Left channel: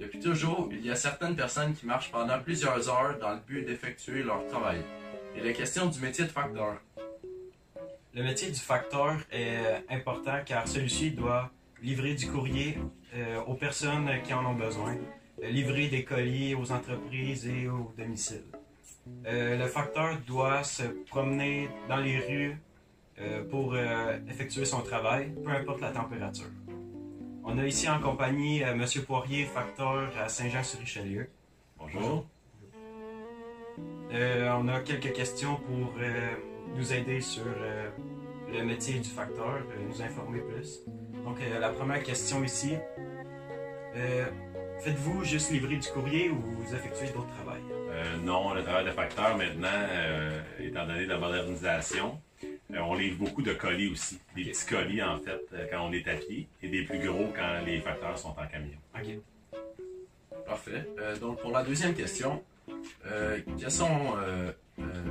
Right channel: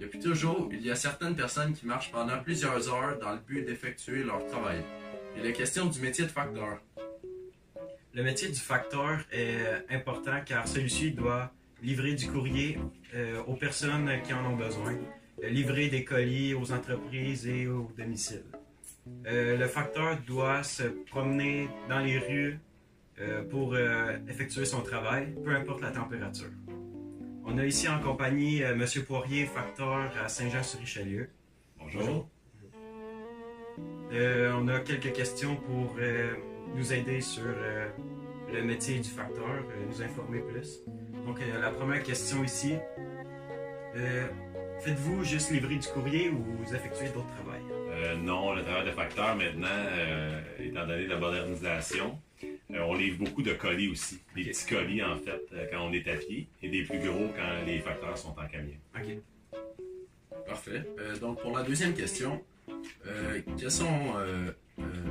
Depuis toujours, il y a certaines personnes qui marchent pendant plusieurs heures dans le but d'effectuer leur travail. Il est question du métier de facteur. Le métier du facteur est important car celui-ci doit livrer du courrier aux personnes qui en ont besoin, livrer des colis aux entreprises et aux domiciles. Le facteur doit se promener dans les rues pour effectuer son travail, peu importe la température. On a ici en compagnie M. Poirier, facteur à Saint-Jean-sur-Richelieu. Bonjour. On a quelques questions pour nous aider sur le métier du facteur, nous informer plus. Donc, la première question ici. Faites-vous juste livrer du courrier ou vous effectuez d'autres travails? Non, le travail de facteur maintenant, étant donné la modernisation, on livre beaucoup de colis aussi. Des petits colis, en fait, quand on est à pied, et des plus gros quand les facteurs sont en camion. OK. Parfait. Donc, pour la deuxième question,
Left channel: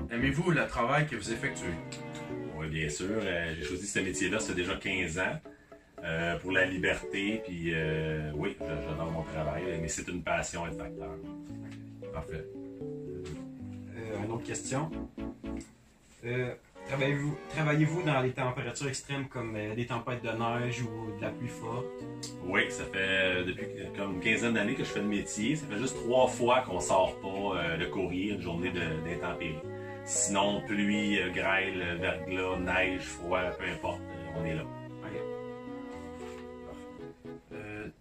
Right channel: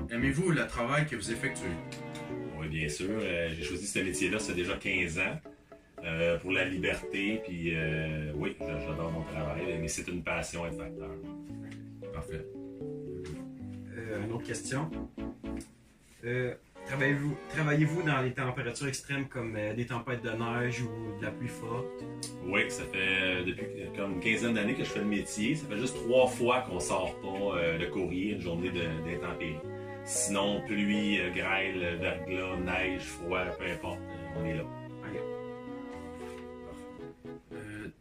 aimez-vous le travail que vous effectuez? Oui, bien sûr. J'ai choisi ce métier-là, ça fait déjà 15 ans. Pour la liberté, puis oui, j'adore mon travail, mais c'est une passion être facteur. Parfait. Une autre question. Travaillez-vous dans les températures extrêmes comme des tempêtes de neige ou de la pluie forte? Oui, ça fait depuis comme une quinzaine d'années que je fais le métier. Ça fait juste 3 fois qu'on sort pas le courrier une journée d'intempéries. Sinon, pluie, grêle, verglas, neige, froid, peu importe, on est là.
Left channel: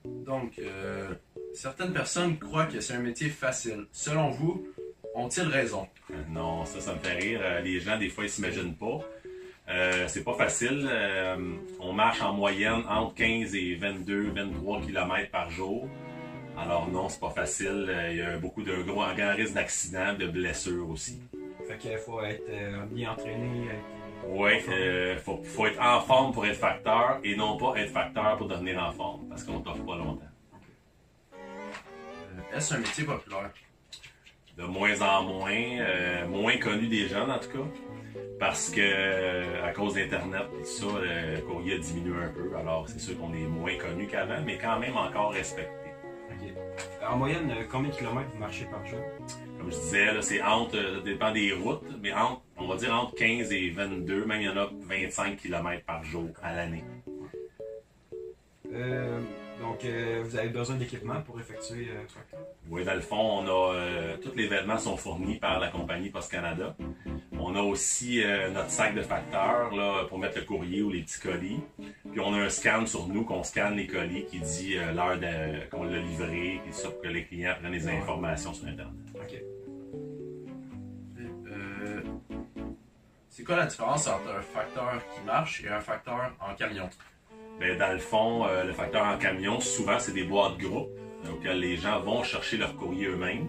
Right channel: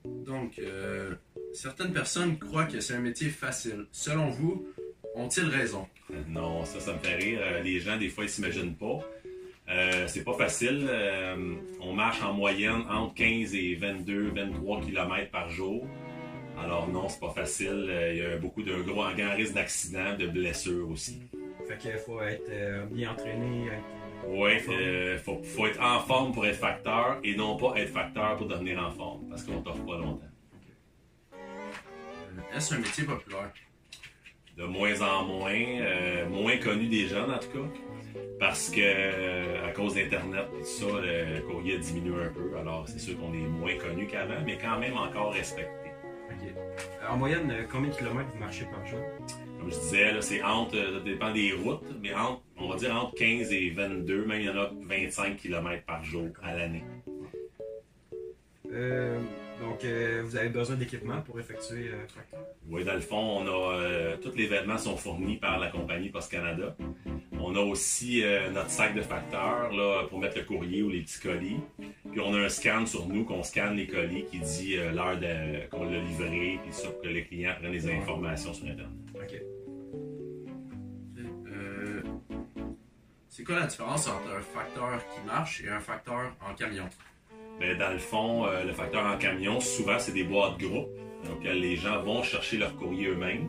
Donc, certaines personnes croient que c'est un métier facile. Selon vous, ont-ils raison? Non, ça me fait rire. Les gens, des fois, ils s'imaginent pas. C'est pas facile. On marche en moyenne entre 15 et 22, 23 km par jour. Alors non, c'est pas facile. Il y a beaucoup de grand risque d'accidents, de blessures aussi. Fait qu'il faut être bien entraîné. Oui, faut être en forme pour être facteur et non pas être facteur pour devenir en forme parce qu'on t'offre pas longtemps. Est-ce un métier populaire? De moins en moins, moins connu des jeunes en tout cas, parce que à cause d'Internet et tout ça, le courrier a diminué un peu. Alors c'est sûr qu'on est moins connu qu'avant, mais quand même encore respecté. Okay. En moyenne, combien de kilomètres vous marchez par jour? Comme je disais, là, c'est entre, ça dépend des routes, mais on va dire entre 15 et 22, même il y en a 25 km par jour à l'année. Donc, vous avez besoin d'équipement pour effectuer le tracteur? Oui, dans le fond, tous les vêtements sont fournis par la compagnie Post Canada. On a aussi notre sac de facteur là, pour mettre le courrier ou les petits colis. Puis on a un scan sur nous qu'on scanne les colis qui dit l'heure qu'on l'a livré, puis ça pour que les clients prennent les informations sur Internet. OK. C'est quoi la différence entre un facteur qui marche et un facteur en camion? Bien, dans le fond, le facteur en camion, souvent, c'est des boîtes groupes auxquelles les gens vont chercher leur courrier eux-mêmes.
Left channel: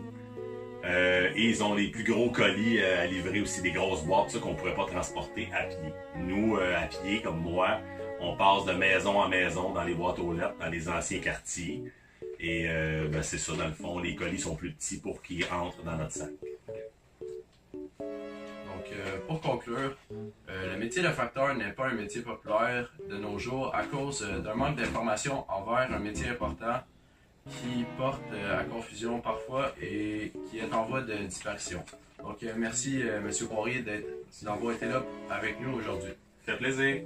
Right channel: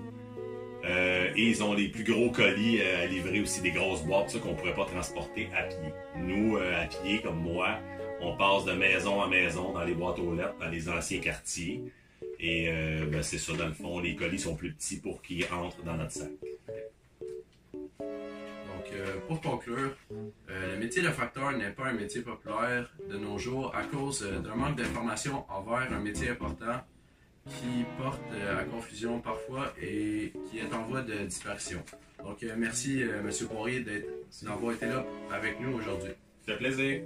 Et ils ont les plus gros colis à livrer aussi, des grosses boîtes ça, qu'on ne pourrait pas transporter à pied. Nous, à pied, comme moi, on passe de maison en maison dans les boîtes aux lettres, dans les anciens quartiers. Et c'est ça, dans le fond, les colis sont plus petits pour qu'ils entrent dans notre sac. Pour conclure, le métier de facteur n'est pas un métier populaire de nos jours à cause d'un manque d'information envers un métier important qui porte à confusion parfois et qui est en voie de disparition. Donc, merci M. Poirier d'avoir été là avec nous aujourd'hui. Ça fait plaisir.